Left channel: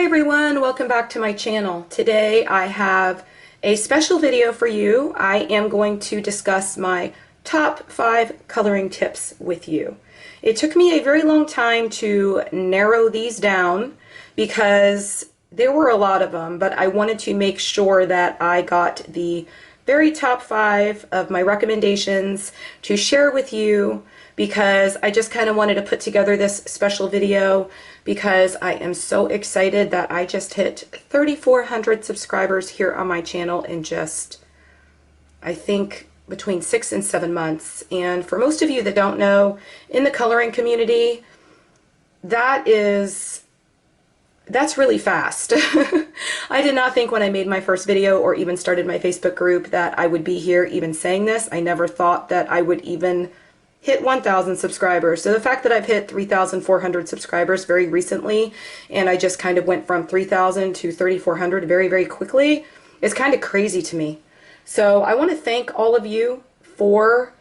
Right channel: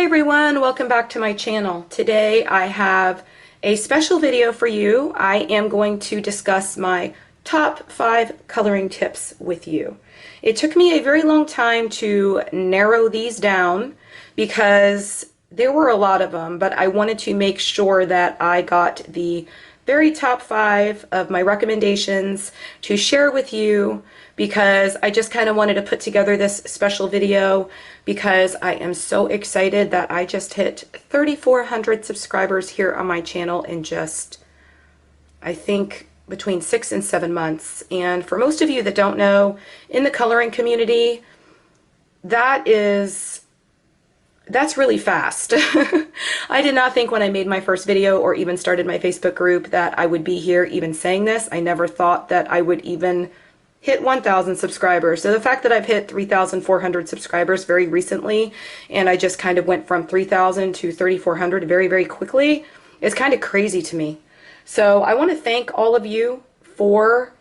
Hi everyone, welcome back to my channel. Today I have a special video for you. I am going to discuss my top 5 coloring tips with you. It took me a very long time to narrow these down because there were a lot of them, but I wanted to make sure that I got the very top 5 of my recommendations to share with you, because I just kind of wanted to put together this special video because I am so excited that I just hit 3,400 subscribers here on my channel in just, I think, between 6 and 7 months. And for most of you that don't know, in the coloring community, that's really fast. I did not think when I made my first video or even started my Facebook group that I would be here even saying this. I never thought that I would even hit 1,000 subscribers. So the fact that I've hit 3,400 subscribers very recently, and I just kind of went from 3,000 to 3,400 very, very quickly, is kind of crazy to me. So I want to thank all of you for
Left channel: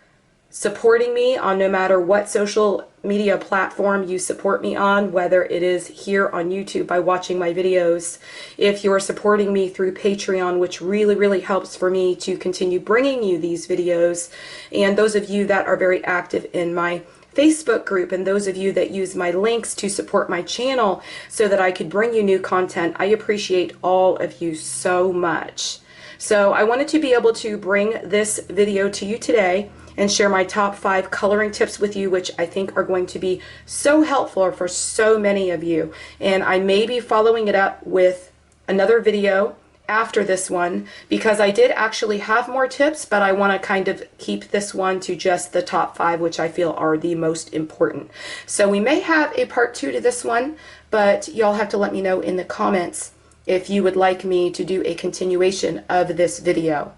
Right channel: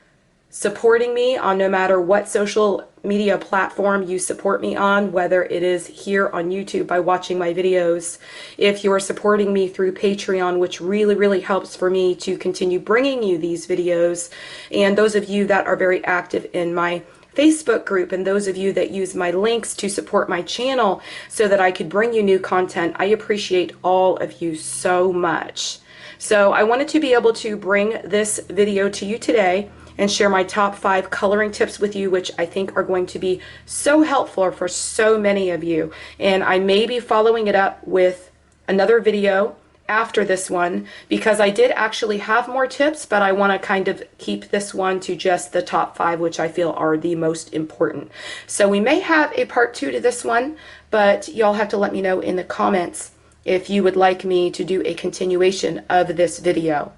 supporting me on no matter what social media platform you support me on, whether it is here on YouTube by watching my videos, if you're supporting me through Patreon, which really, really helps for me to continue bringing you these videos, and those of you that are very active in my Facebook group, and those of you that use my links to support my channel so that I could bring you new content. I appreciate all of you so much. So I wanted to be able to bring this video to you today and share my top 5 coloring tips with you, which I think are going to be so helpful for so many of you. And I may be following it up with another video after this one, because I did actually have more tips, but I want to kind of keep this one to just the top 5, which I feel are the most important. So we may have a part 2 to this one, but y'all have to let me know in the comments if you would like me to do a continuation of this video.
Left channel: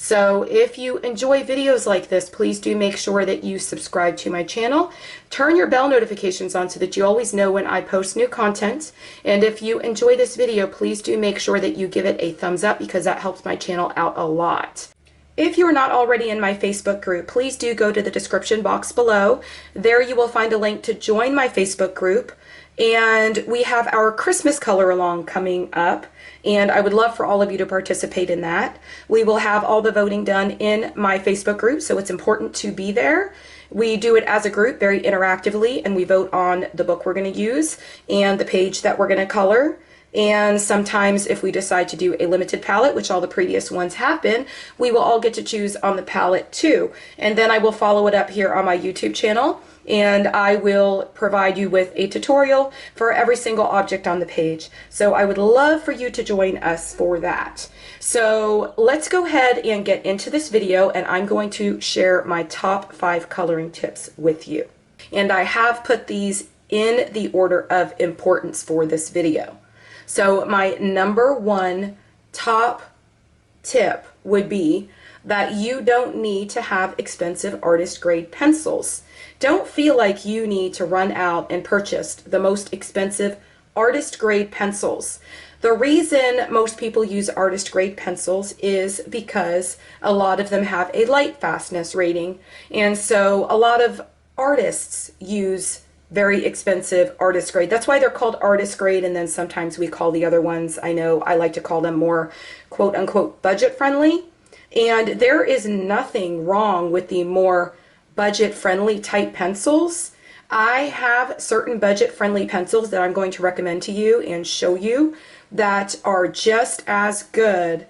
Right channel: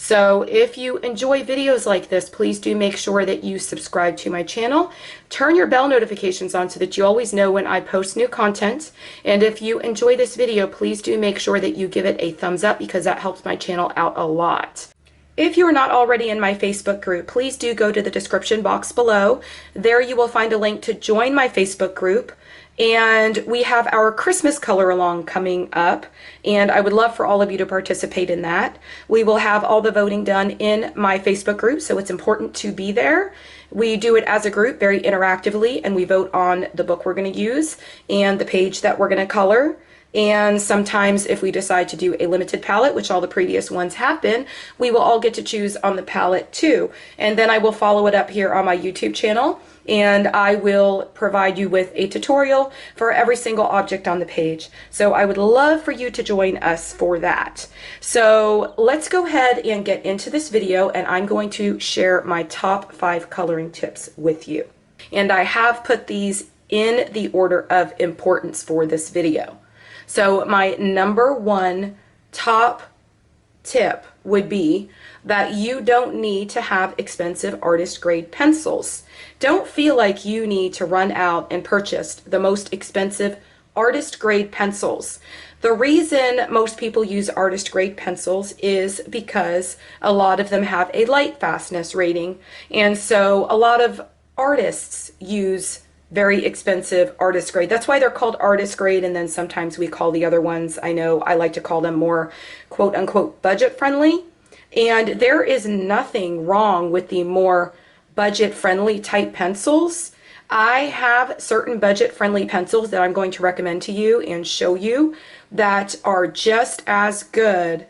So if you enjoy videos like this, please do make sure that you subscribe to my channel. Turn your bell notifications on so that you always know when I post new content. And if you enjoy this video, please do make sure that you give it a thumbs up, because that helps my channel out a lot. If you're not already in my Facebook group, please do go to the description box below. There you will find a link to join my Facebook group. And we have our Christmas color along coming up, and I would love for all of you to participate in that. We will have all the voting done in my Facebook group, so it's important to be there. We do it as a group very interactively, and we vote on the book we're going to use and the page that we're going to color. And sometimes if we decide to do a limited palette, which all the previous ones have been, we will all get to choose on the palette too. And then I will follow it up here on my YouTube channel, and I will provide you with a tutorial for every single object on the page. So I would love for you to join us for that. So let's go ahead and get into this video, and I'm going to share my top 5 coloring tips with you. And I have put these in the order of importance for this video. So my number 1 top tip would be that you don't need to have expensive artist grade pencils. Don't feel like you need to run out and purchase the most expensive artist grade pencils. The reason most people use artist grade pencils is because a lot of them have a light fastness rating. And so a lot of artists use very expensive artist grade. That's why they're called artist grade, and then sometimes we call the other ones, I know I like to call them more quote unquote budget friendly. And there is nothing wrong with the more budget friendly type pencils. I have certain budget friendly pencils that I'm going to recommend to you and show you that are just as good.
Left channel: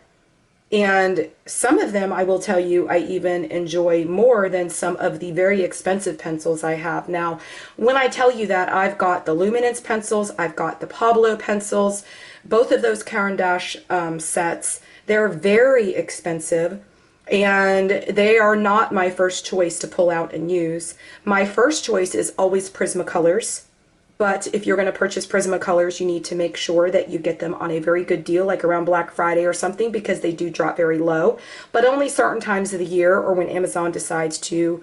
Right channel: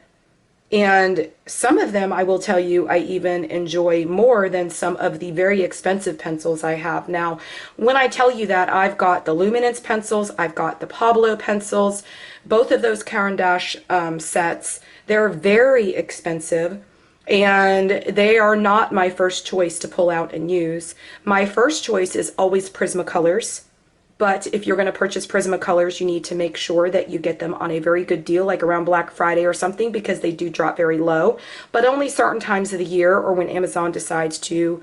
And some of them, I will tell you, I even enjoy more than some of the very expensive pencils I have. Now, when I tell you that, I've got the Luminance pencils, I've got the Pablo pencils, both of those Caran d'Ache sets. They're very expensive, and they are not my first choice to pull out and use. My first choice is always Prismacolors. But if you're going to purchase Prismacolors, you need to make sure that you get them on a very good deal, like around Black Friday or something, because they do drop very low. But only certain times of the year, or when Amazon decides to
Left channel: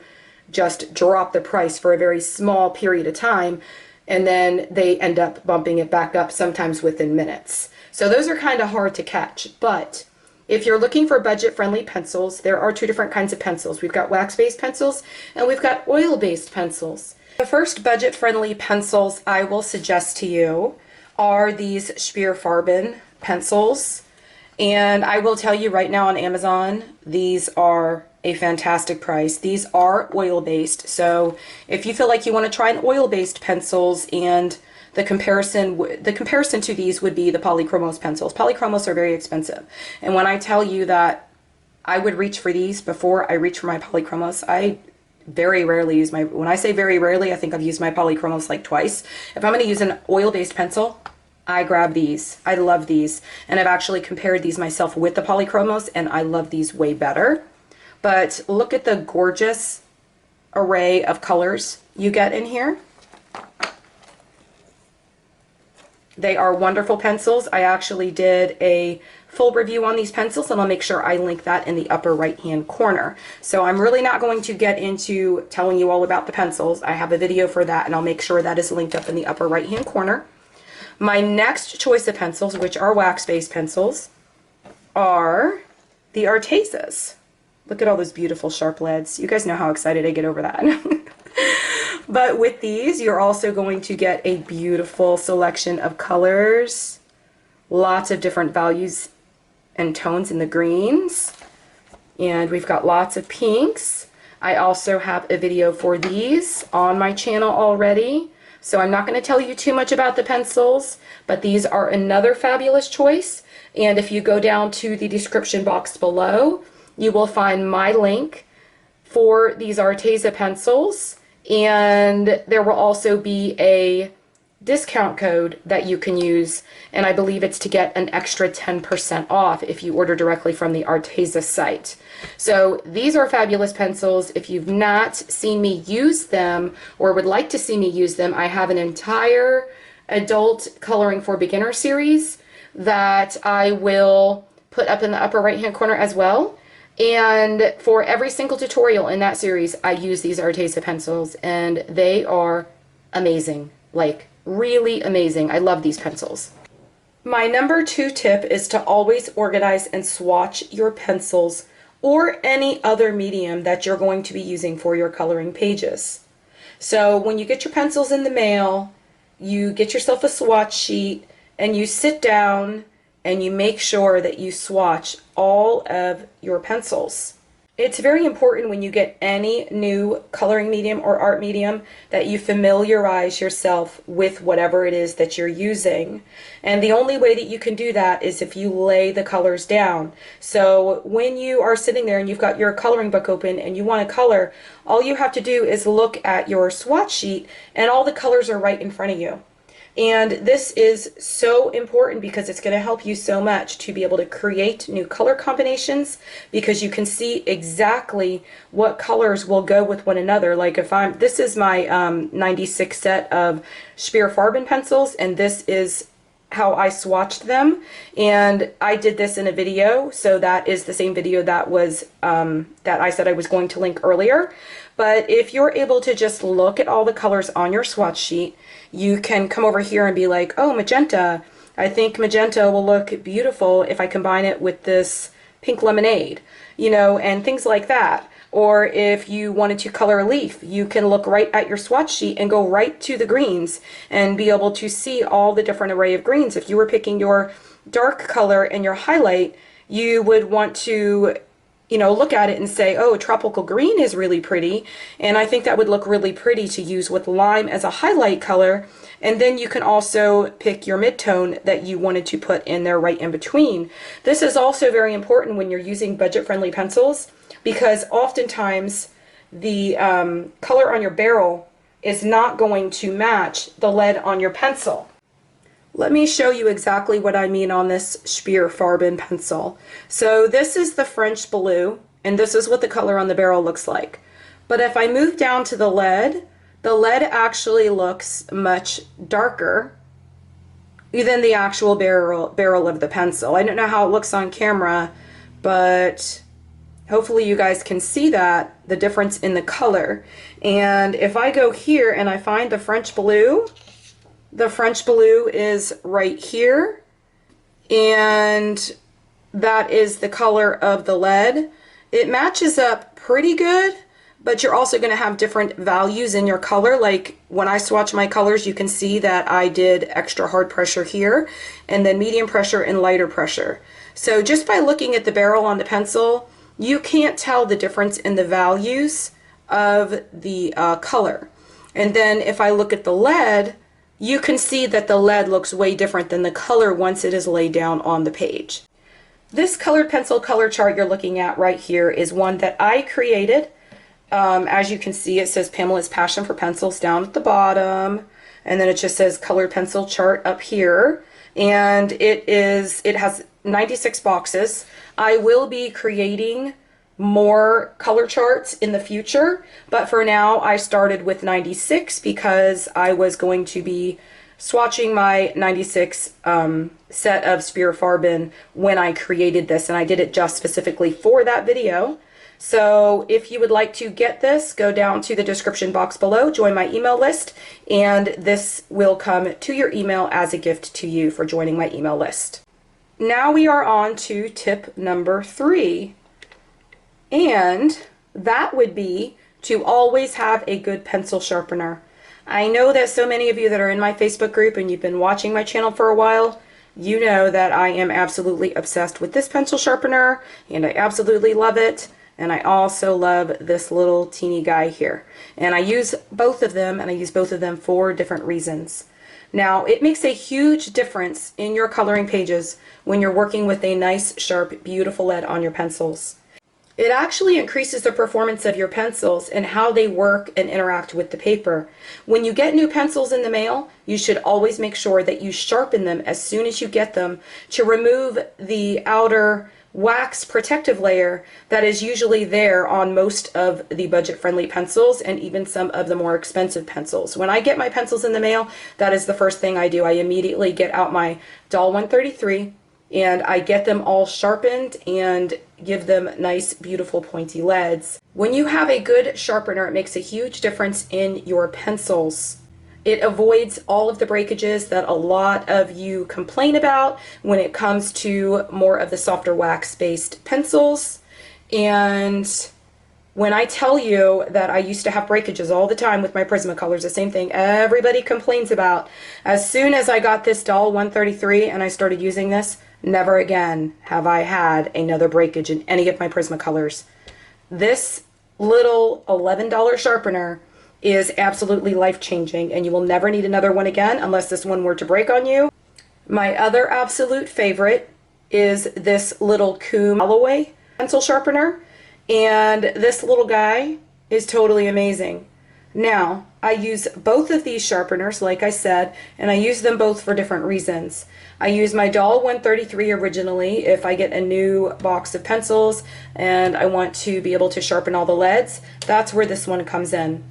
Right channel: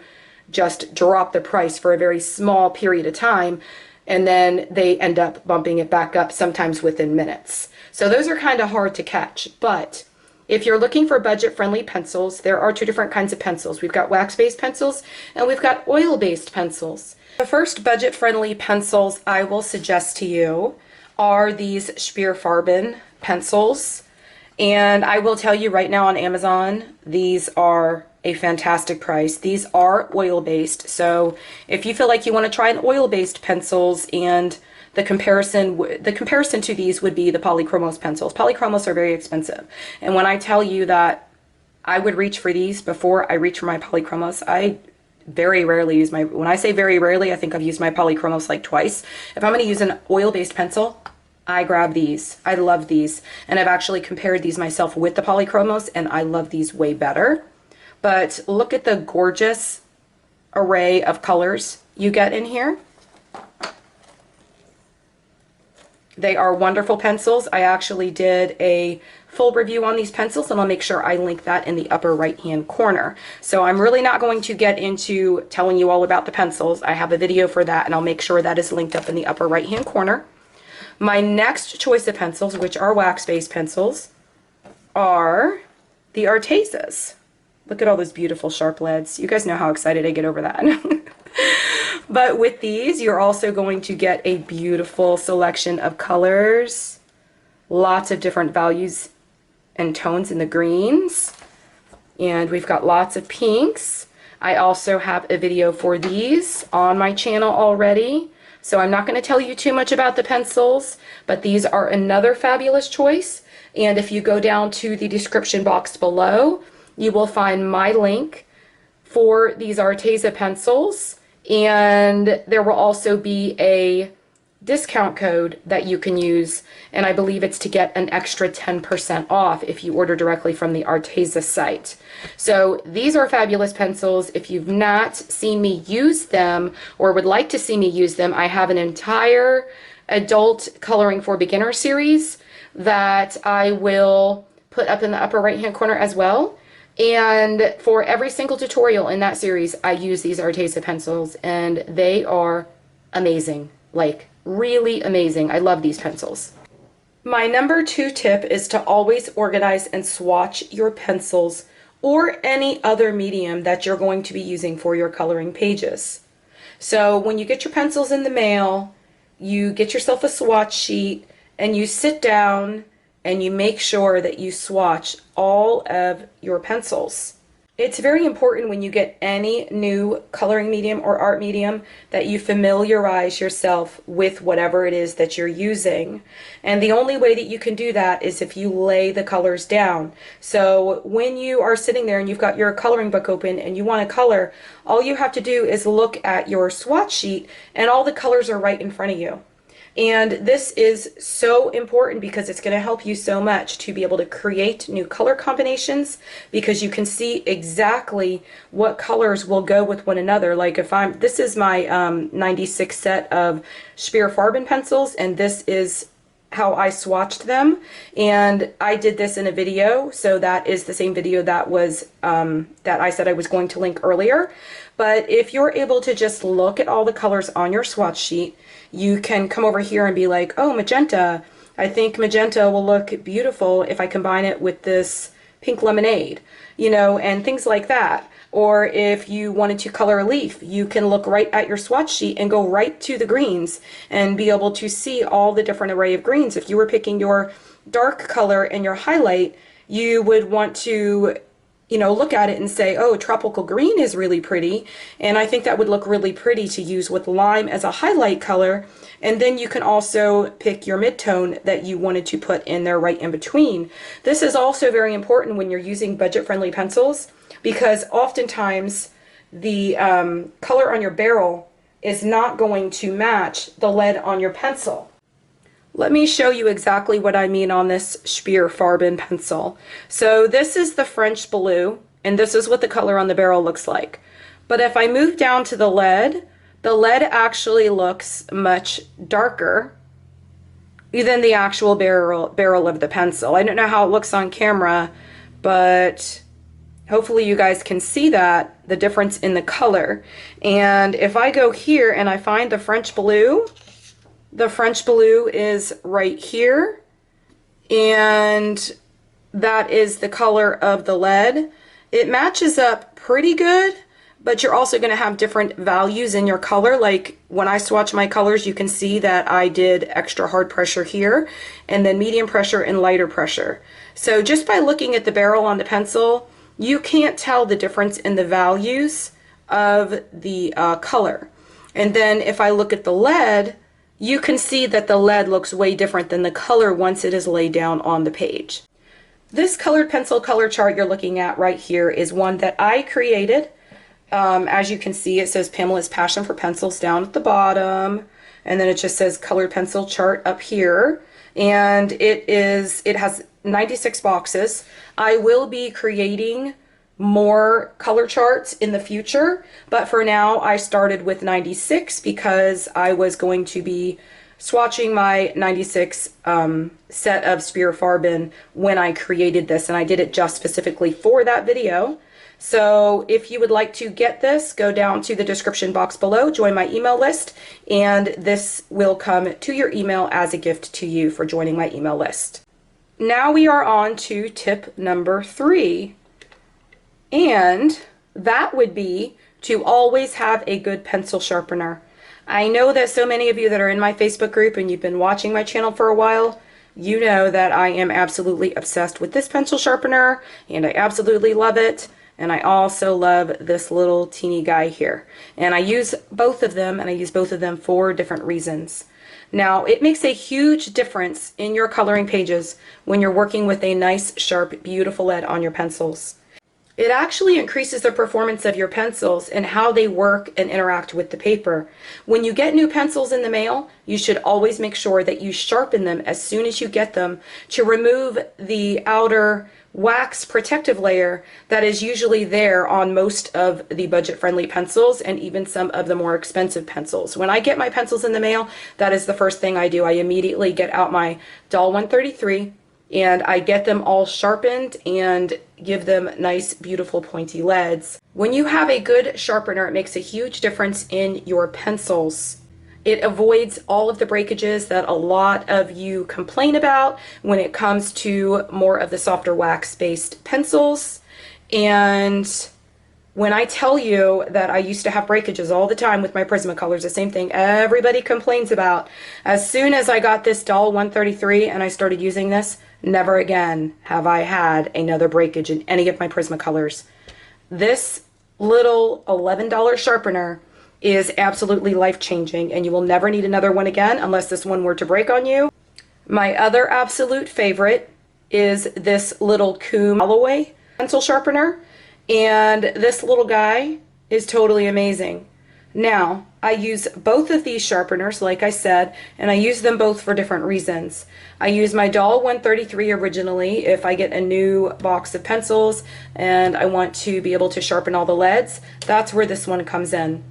just drop the price for a very small period of time, and then they end up bumping it back up sometimes within minutes. So those are kind of hard to catch. But if you're looking for budget-friendly pencils, there are 2 different kinds of pencils. We've got wax-based pencils, and we've got oil-based pencils. The first budget-friendly pencils I will suggest to you are these Sharpener pencils. And I will tell you right now on Amazon, these are a fantastic price. These are oil-based. So if you feel like you want to try an oil-based pencils, and the comparison to these would be the polychromos pencils. Polychromos are very expensive. And when I tell you that I would reach for these before I reach for my polychromos, I very rarely use my, when I say very rarely, I think I've used my polychromos like twice. If I'm going to use an oil-based pencil, I grab these. I love these. And I've actually compared these myself with the polychromos, and I love these way better. But look at the gorgeous array of colors you get in here. They are wonderful pencils. I actually did a full review on these pencils, and I'll make sure I link that in the upper right hand corner. So I'm really not going to get into telling you all about the pencils. I have a video for that, and I'll make sure that is linked up in the upper right hand corner. My next choice of pencils, which are wax-based pencils, are the Artezas. Look at all those beautiful sharp leads. You guys know how excited I get over that. But with these, you're also going to get a beautiful selection of colors, lots of different values and tones in the greens, and we've got lots of pinks. I also have a video for these on my channel already, so I'm not going to tell you too much about the pencils, but these are another fabulous choice. And if you go down to the description box below, you will find my link for these Arteza pencils, and there will also be a discount code that you can use, and I believe it's to get an extra 10% off if you order directly from the Arteza site. So these are fabulous pencils. If you've not seen me use them or would like to see me use them, I have an entire adult coloring for beginner series that I will put up in the upper right hand corner as well. And for every single tutorial in that series, I use these Arteza pencils, and they are amazing. Like, really amazing. I love these pencils. My number 2 tip is to always organize and swatch your pencils or any other medium that you're going to be using for your coloring pages. So when you get your pencils in the mail, you get yourself a swatch sheet, and you sit down and you make sure that you swatch all of your pencils. It's very important when you get any new coloring medium or art medium that you familiarize yourself with whatever it is that you're using. And the only way that you can do that is if you lay the colors down. So when you are sitting there and you've got your coloring book open and you want to color, all you have to do is look at your swatch sheet and all the colors are right in front of you. And this is so important because it's going to help you so much to be able to create new color combinations, because you can see exactly what colors will go with one another. Like if this is my 96 set of Sharpener pencils, and this is how I swatched them, and I did this in a video, so that is the same video that was that I said I was going to link earlier. But if you're able to just look at all the colors on your swatch sheet, you can come over here and be like, oh, magenta, I think magenta will look beautiful if I combine it with this pink lemonade, you know, and things like that. Or if you wanted to color a leaf, you can look right at your swatch sheet and go right to the greens and be able to see all the different array of greens. If you were picking your dark color and your highlight, you would want to, you know, look at it and say, oh, tropical green is really pretty, and I think that would look really pretty to use with lime as a highlight color. And then you can also pick your mid-tone that you wanted to put in there right in between. This is also very important when you're using budget-friendly pencils, because oftentimes the color on your barrel is not going to match the lead on your pencil. Let me show you exactly what I mean on this Sharpener pencil. So this is the French blue, and this is what the color on the barrel looks like. But if I move down to the lead actually looks much darker than the actual barrel of the pencil. I don't know how it looks on camera, but hopefully you guys can see that, the difference in the color. And if I go here and I find the French blue is right here, and that is the color of the lead. It matches up pretty good, but you're also going to have different values in your color. Like when I swatch my colors, you can see that I did extra hard pressure here, and then medium pressure and lighter pressure. So just by looking at the barrel on the pencil, you can't tell the difference in the values of the color. And then if I look at the lead, you can see that the lead looks way different than the color once it is laid down on the page. This colored pencil color chart you're looking at right here is one that I created. As you can see, it says Pamela's Passion for Pencils down at the bottom, and then it just says colored pencil chart up here, and it has 96 boxes. I will be creating more color charts in the future, but for now I started with 96 because I was going to be swatching my 96 set of Farben when I created this, and I did it just specifically for that video. So if you would like to get this, go down to the description box below, join my email list, and this will come to your email as a gift to you for joining my email list. Now we are on to tip number 3, and that would be to always have a good pencil sharpener. I know that so many of you that are in my Facebook group and you've been watching my channel for a while, you know that I am absolutely obsessed with this pencil sharpener, and I absolutely love it. And I also love this little teeny guy here. And I use both of them, and I use both of them for different reasons. Now, it makes a huge difference in your coloring pages when you're working with a nice, sharp, beautiful lead on your pencils. It actually increases the performance of your pencils and how they work and interact with the paper. When you get new pencils in the mail, you should always make sure that you sharpen them as soon as you get them to remove the outer wax protective layer that is usually there on most of the budget-friendly pencils and even some of the more expensive pencils. When I get my pencils in the mail, that is the first thing I do. I immediately get out my Doll 133 and I get them all sharpened and give them nice, beautiful, pointy leads. When you have a good sharpener, it makes a huge difference in your pencils. It avoids all of the breakages that a lot of you complain about when it comes to more of the softer wax-based pencils. And when I tell you that I used to have breakages all the time with my Prismacolors, the same thing everybody complains about. As soon as I got this Doll 133 and I started using this, never again have I had another breakage in any of my Prismacolors. This little $11 sharpener is absolutely life-changing, and you will never need another one again unless this one were to break on you. My other absolute favorite is this little Coom Alloway pencil sharpener, and this little guy is totally amazing. Now, I use both of these sharpeners, like I said, and I use them both for different reasons. I use my Doll 133 originally if I get a new box of pencils and I want to be able to sharpen all the leads. That's where this one comes in.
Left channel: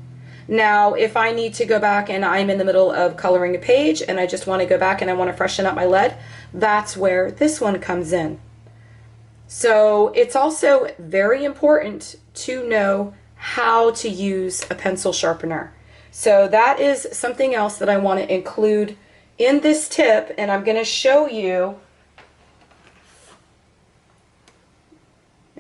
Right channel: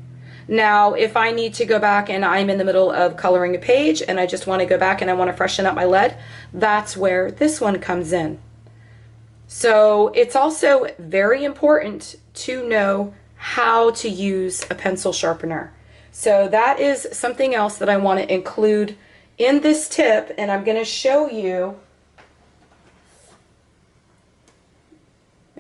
Now, if I need to go back and I'm in the middle of coloring a page and I just want to go back and I want to freshen up my lead, that's where this one comes in. So it's also very important to know how to use a pencil sharpener. So that is something else that I want to include in this tip, and I'm going to show you.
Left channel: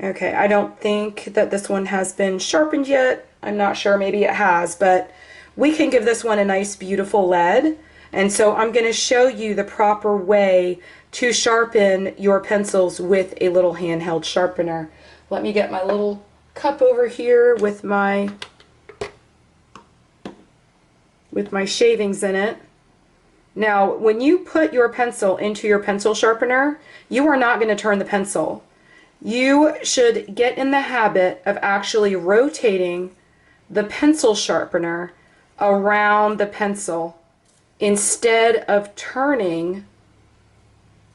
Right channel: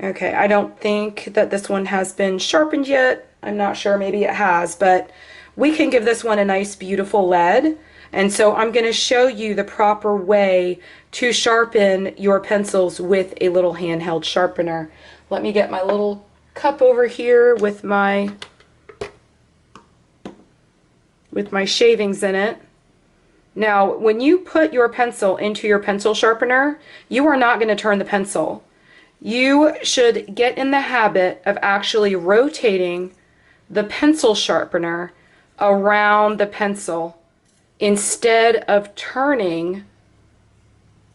Okay, I don't think that this one has been sharpened yet. I'm not sure, maybe it has, but we can give this one a nice beautiful lead. And so I'm going to show you the proper way to sharpen your pencils with a little handheld sharpener. Let me get my little cup over here with my shavings in it. Now, when you put your pencil into your pencil sharpener, you are not going to turn the pencil. You should get in the habit of actually rotating the pencil sharpener around the pencil instead of turning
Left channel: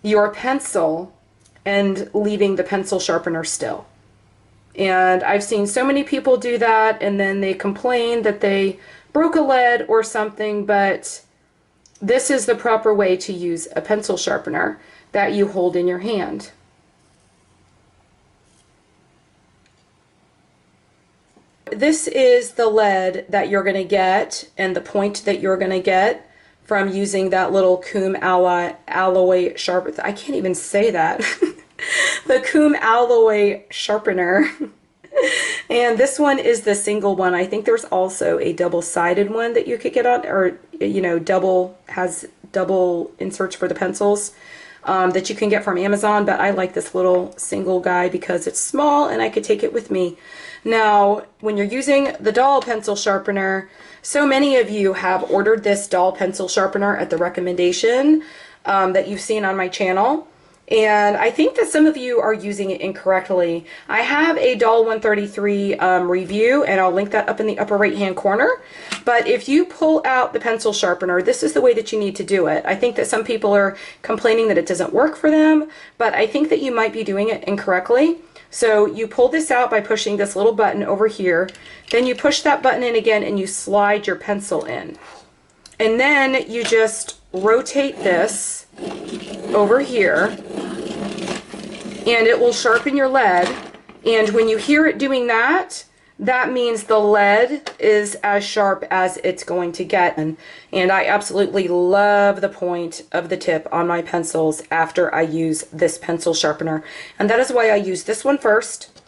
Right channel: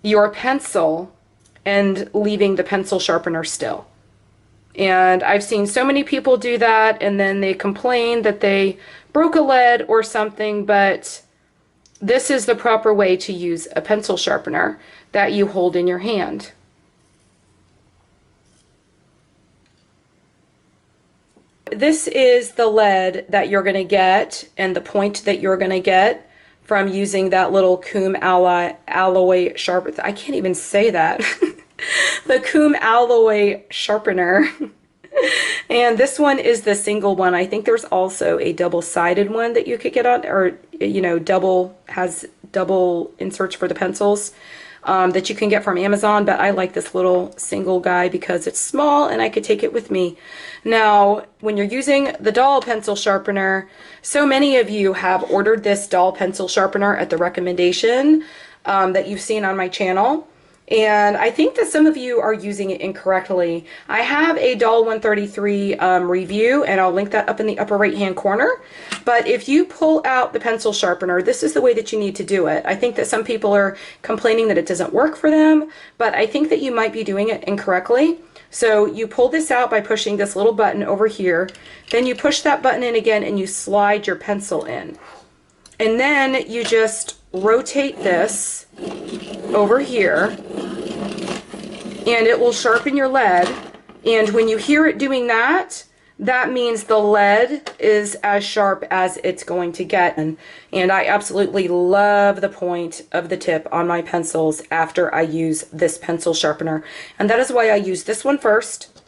your pencil and leaving the pencil sharpener still. And I've seen so many people do that, and then they complain that they broke a lead or something, but this is the proper way to use a pencil sharpener that you hold in your hand. This is the lead that you're going to get and the point that you're going to get from using that little Coom Alloway sharpener. I can't even say that. The Coom Alloway sharpener. And this one is the single one. I think there's also a double-sided one that you could get on, or, you know, has double inserts for the pencils that you can get from Amazon, but I like this little single guy because it's small and I could take it with me. Now, when you're using the doll pencil sharpener, so many of you have ordered this doll pencil sharpener at the recommendation that you've seen on my channel. And I think that some of you are using it incorrectly. I have a Doll 133 review, and I'll link that up in the upper right hand corner. But if you pull out the pencil sharpener, this is the way that you need to do it. I think that some people are complaining that it doesn't work for them, but I think that you might be doing it incorrectly. So you pull this out by pushing this little button over here. Then you push that button in again and you slide your pencil in. And then you just rotate this over here and it will sharpen your lead. And when you hear it doing that, that means the lead is as sharp as it's going to get. And I absolutely love the point of the tip on my pencils after I use this pencil sharpener. And that is why I use this one first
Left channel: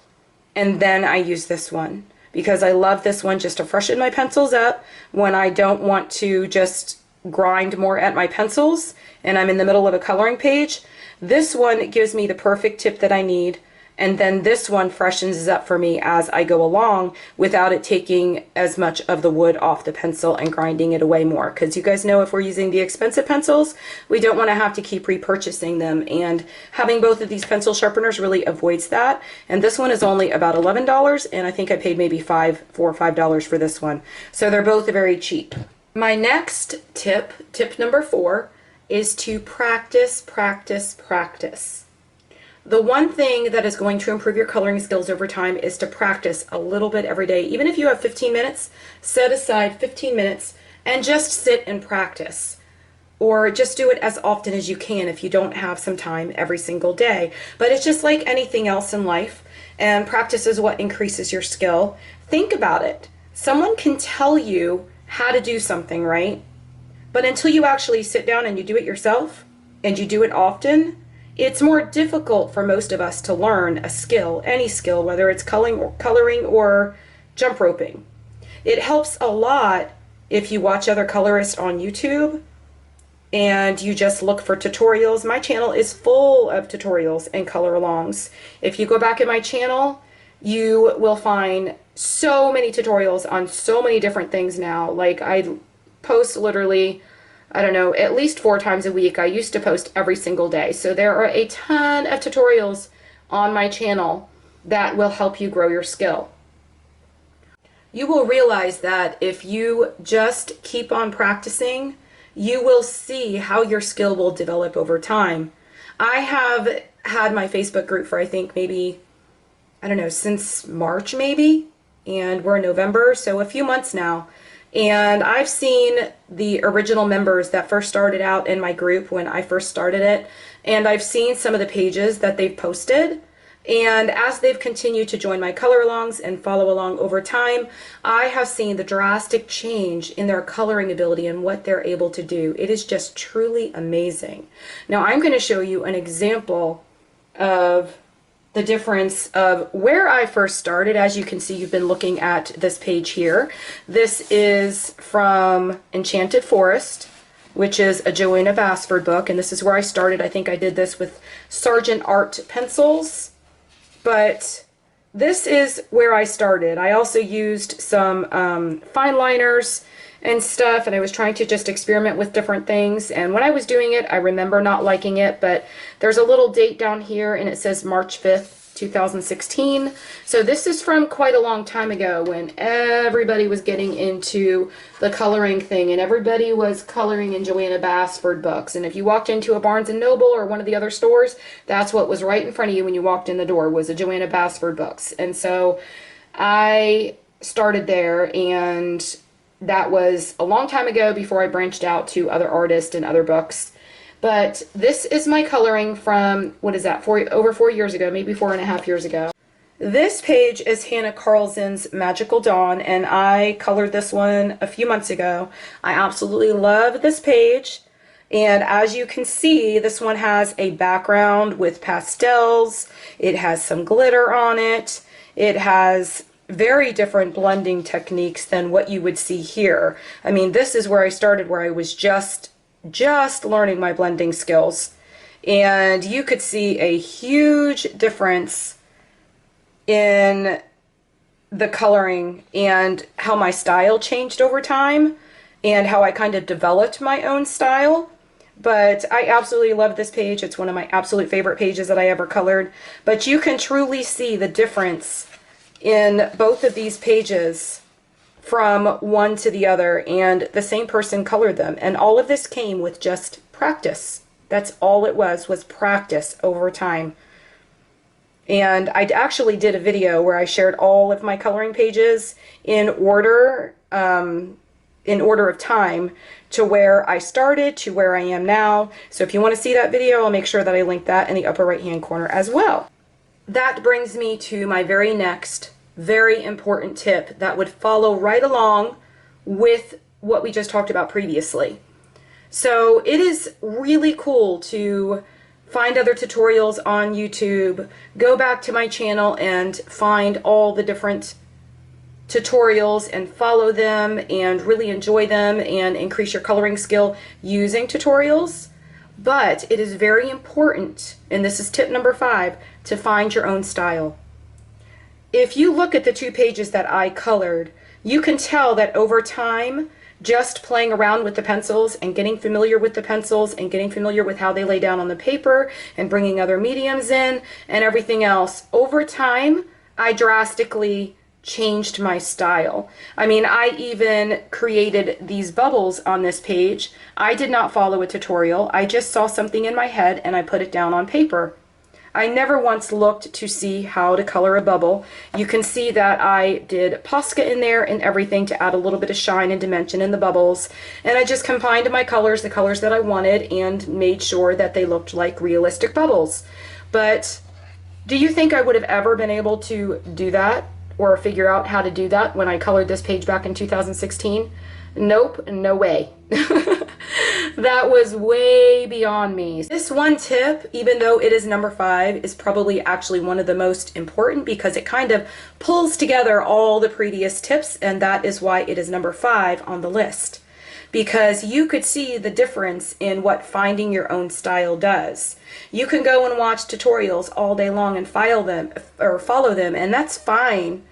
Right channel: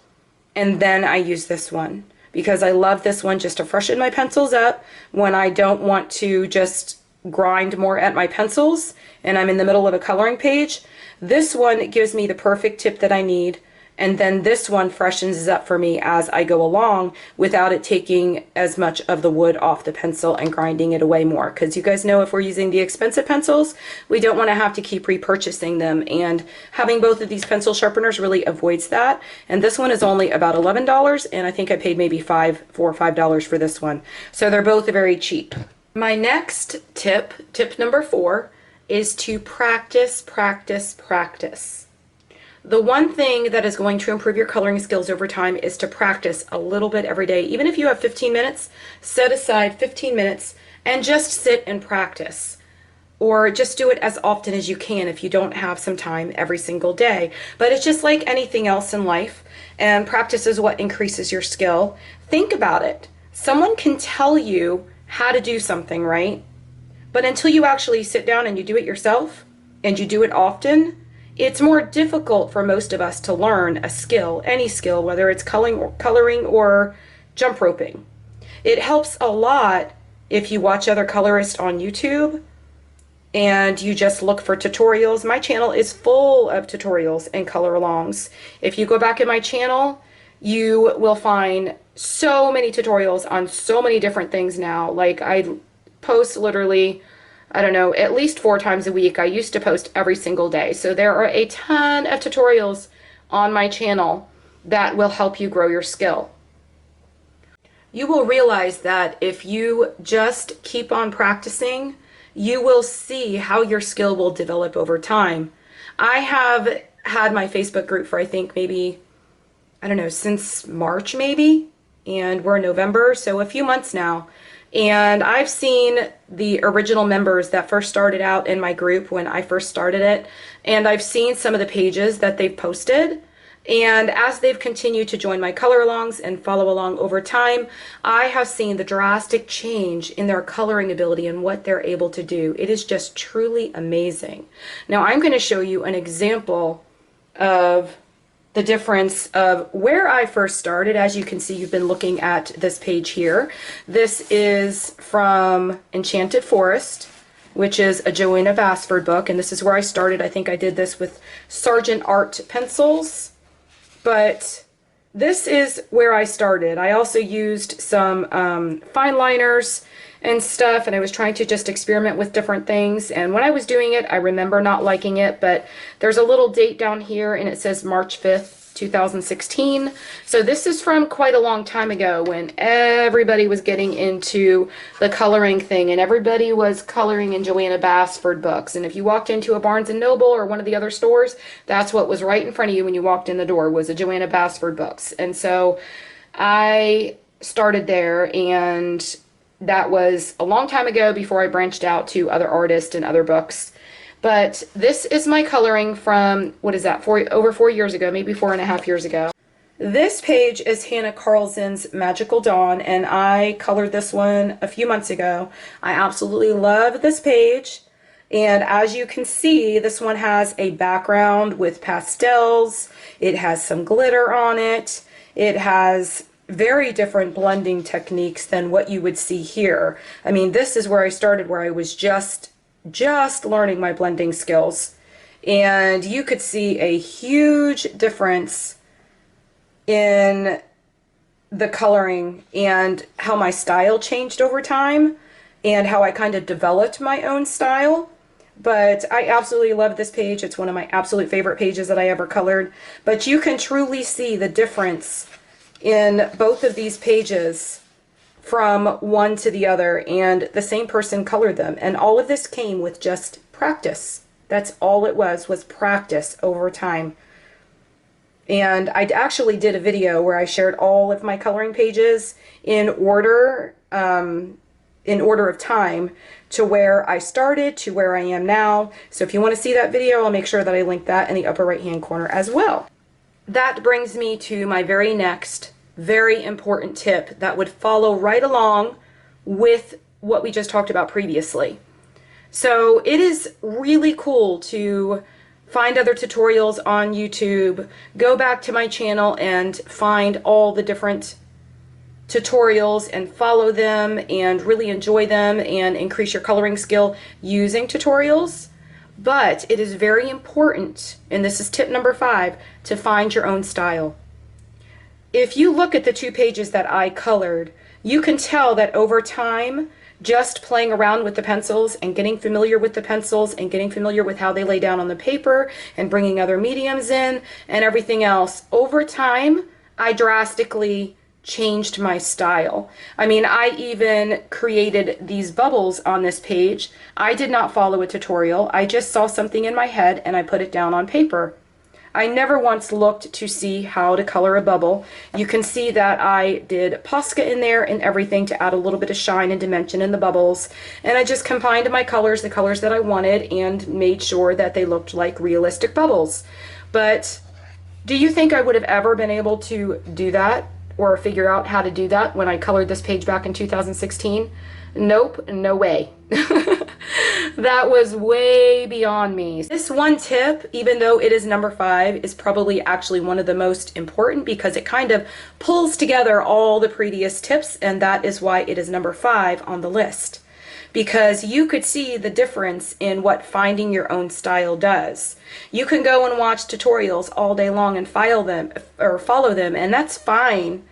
and then I use this one, because I love this one just to freshen my pencils up when I don't want to just grind more at my pencils and I'm in the middle of a coloring page. This one gives me the perfect tip that I need, and then this one freshens up for me as I go along without it taking as much of the wood off the pencil and grinding it away more, because you guys know if we're using the expensive pencils, we don't want to have to keep repurchasing them, and having both of these pencil sharpeners really avoids that. And this one is only about $11, and I think I paid maybe $4 or $5 for this one, so they're both very cheap. My next tip number 4, is to practice, practice, practice. The one thing that is going to improve your coloring skills over time is to practice a little bit every day. Even if you have 15 minutes, set aside 15 minutes and just sit and practice. Or just do it as often as you can if you don't have some time every single day. But it's just like anything else in life, and practice is what increases your skill. Think about it. Someone can tell you how to do something, right? But until you actually sit down and you do it yourself, and you do it often, it's more difficult for most of us to learn a skill, any skill, whether it's coloring or jump roping. It helps a lot if you watch other colorists on YouTube and you just look for tutorials. My channel is full of tutorials and color alongs. If you go back in my channel, you will find so many tutorials on so many different things now. Like, I post literally, I don't know, at least 4 times a week. I used to post every single day. So there are a ton of tutorials on my channel that will help you grow your skill. You will realize that if you just keep on practicing, you will see how your skill will develop over time. I have had my Facebook group for, I think, maybe, I don't know, since March maybe, and we're in November, so a few months now. And I've seen the original members that first started out in my group when I first started it, and I've seen some of the pages that they've posted. And as they've continued to join my color alongs and follow along over time, I have seen the drastic change in their coloring ability and what they're able to do. It is just truly amazing. Now I'm going to show you an example of the difference of where I first started. As you can see, you've been looking at this page here. This is from Enchanted Forest, which is a Joanna Basford book, and this is where I started. I think I did this with Sargent Art pencils, but this is where I started. I also used some fine liners and stuff, and I was trying to just experiment with different things. And when I was doing it, I remember not liking it, but there's a little date down here and it says March 5th, 2016. So this is from quite a long time ago when everybody was getting into the coloring thing and everybody was coloring in Joanna Basford books. And if you walked into a Barnes & Noble or one of the other stores, that's what was right in front of you when you walked in the door, was a Joanna Basford books. And so I started there, and that was a long time ago before I branched out to other artists and other books. But this is my coloring from, what is that, over 4 years ago, maybe 4.5 years ago. This page is Hannah Carlson's Magical Dawn, and I colored this one a few months ago. I absolutely love this page. And as you can see, this one has a background with pastels. It has some glitter on it. It has very different blending techniques than what you would see here. I mean, this is where I started, where I was just learning my blending skills. And you could see a huge difference in the coloring and how my style changed over time and how I kind of developed my own style. But I absolutely love this page. It's one of my absolute favorite pages that I ever colored. But you can truly see the difference in both of these pages from one to the other, and the same person colored them. And all of this came with just practice. That's all it was practice over time. And I actually did a video where I shared all of my coloring pages in order of time to where I started to where I am now. So if you want to see that video, I'll make sure that I link that in the upper right hand corner as well. That brings me to my very next very important tip that would follow right along with what we just talked about previously. So it is really cool to find other tutorials on YouTube, go back to my channel and find all the different tutorials and follow them and really enjoy them and increase your coloring skill using tutorials. But it is very important, and this is tip number 5, to find your own style. If you look at the 2 pages that I colored, you can tell that over time, just playing around with the pencils and getting familiar with the pencils and getting familiar with how they lay down on the paper and bringing other mediums in and everything else, over time, I drastically changed my style. I mean, I even created these bubbles on this page. I did not follow a tutorial. I just saw something in my head and I put it down on paper. I never once looked to see how to color a bubble. You can see that I did Posca in there and everything to add a little bit of shine and dimension in the bubbles. And I just combined my colors, the colors that I wanted, and made sure that they looked like realistic bubbles. But do you think I would have ever been able to do that or figure out how to do that when I colored this page back in 2016? Nope, no way. That was way beyond me. This one tip, even though it is number 5, is probably actually one of the most important because it kind of pulls together all the previous tips, and that is why it is number 5 on the list. Because you could see the difference in what finding your own style does. You can go and watch tutorials all day long and follow them, and that's fine.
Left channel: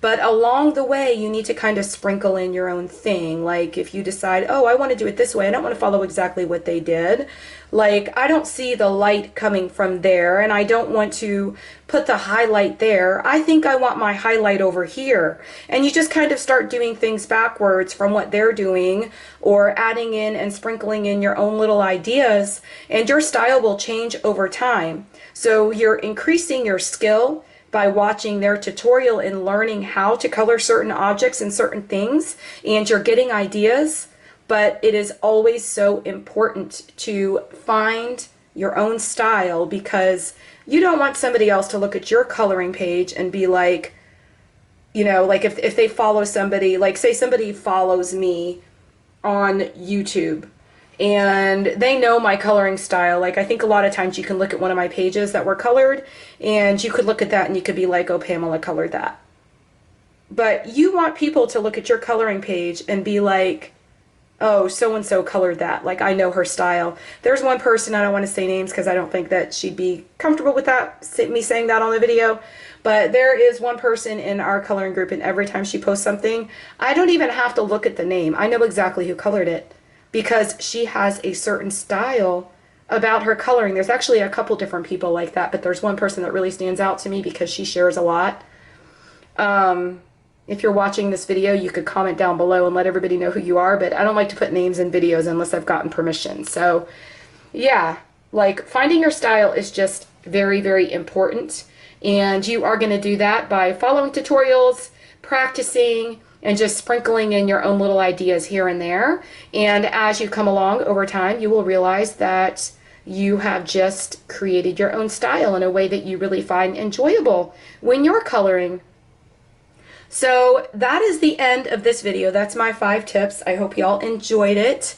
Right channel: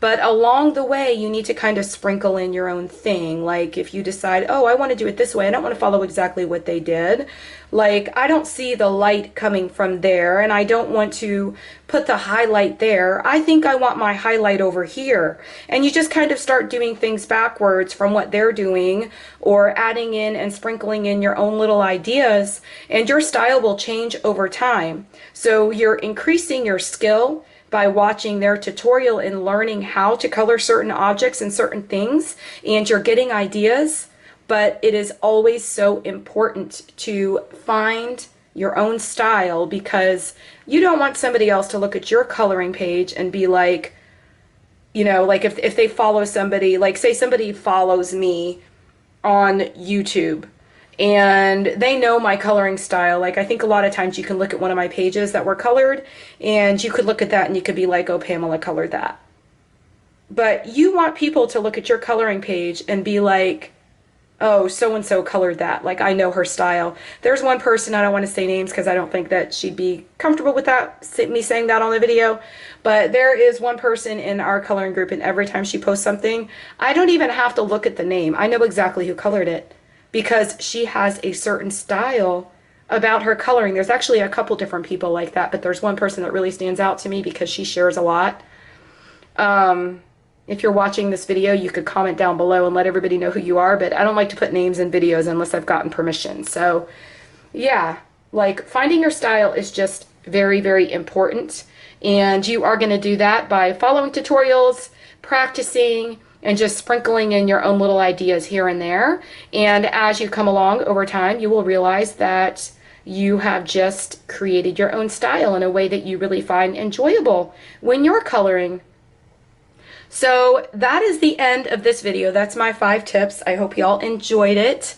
But along the way, you need to kind of sprinkle in your own thing. Like if you decide, oh, I want to do it this way, I don't want to follow exactly what they did. Like I don't see the light coming from there and I don't want to put the highlight there. I think I want my highlight over here. And you just kind of start doing things backwards from what they're doing, or adding in and sprinkling in your own little ideas, and your style will change over time. So you're increasing your skill by watching their tutorial and learning how to color certain objects and certain things, and you're getting ideas. But it is always so important to find your own style, because you don't want somebody else to look at your coloring page and be like, you know, like if they follow somebody, like say somebody follows me on YouTube and they know my coloring style. Like I think a lot of times you can look at one of my pages that were colored and you could look at that and you could be like, oh, Pamela colored that. But you want people to look at your coloring page and be like, oh, so-and-so colored that. Like I know her style. There's one person, I don't want to say names because I don't think that she'd be comfortable with that, me saying that on the video. But there is one person in our coloring group, and every time she posts something, I don't even have to look at the name. I know exactly who colored it, because she has a certain style about her coloring. There's actually a couple different people like that, but there's one person that really stands out to me because she shares a lot. If you're watching this video, you could comment down below and let everybody know who you are, but I don't like to put names in videos unless I've gotten permission. So yeah, like finding your style is just very, very important. And you are going to do that by following tutorials, practicing, and just sprinkling in your own little ideas here and there. And as you come along over time, you will realize that you have just created your own style in a way that you really find enjoyable when you're coloring. So that is the end of this video. That's my 5 tips. I hope y'all enjoyed it.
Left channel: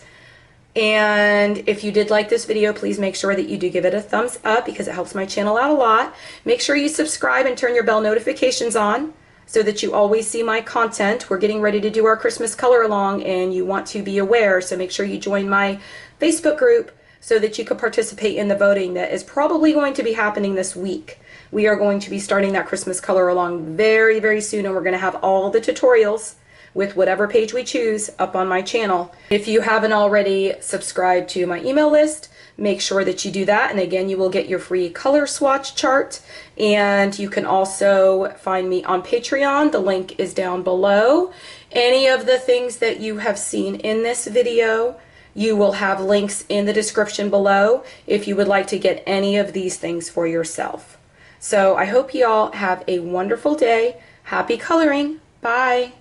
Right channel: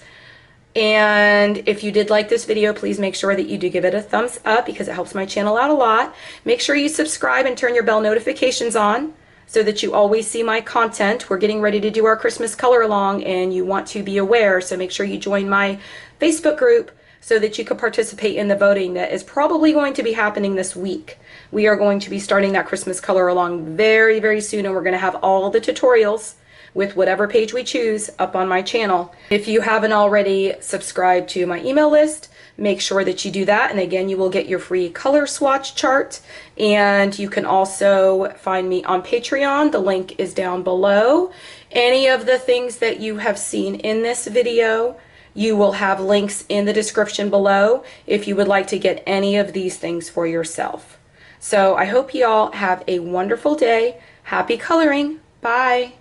And if you did like this video, please make sure that you do give it a thumbs up because it helps my channel out a lot. Make sure you subscribe and turn your bell notifications on so that you always see my content. We're getting ready to do our Christmas color along and you want to be aware, so make sure you join my Facebook group so that you can participate in the voting that is probably going to be happening this week. We are going to be starting that Christmas color along very, very soon, and we're going to have all the tutorials with whatever page we choose up on my channel. If you haven't already subscribed to my email list, make sure that you do that, and again, you will get your free color swatch chart. And you can also find me on Patreon. The link is down below. Any of the things that you have seen in this video, you will have links in the description below if you would like to get any of these things for yourself. So I hope you all have a wonderful day. Happy coloring. Bye.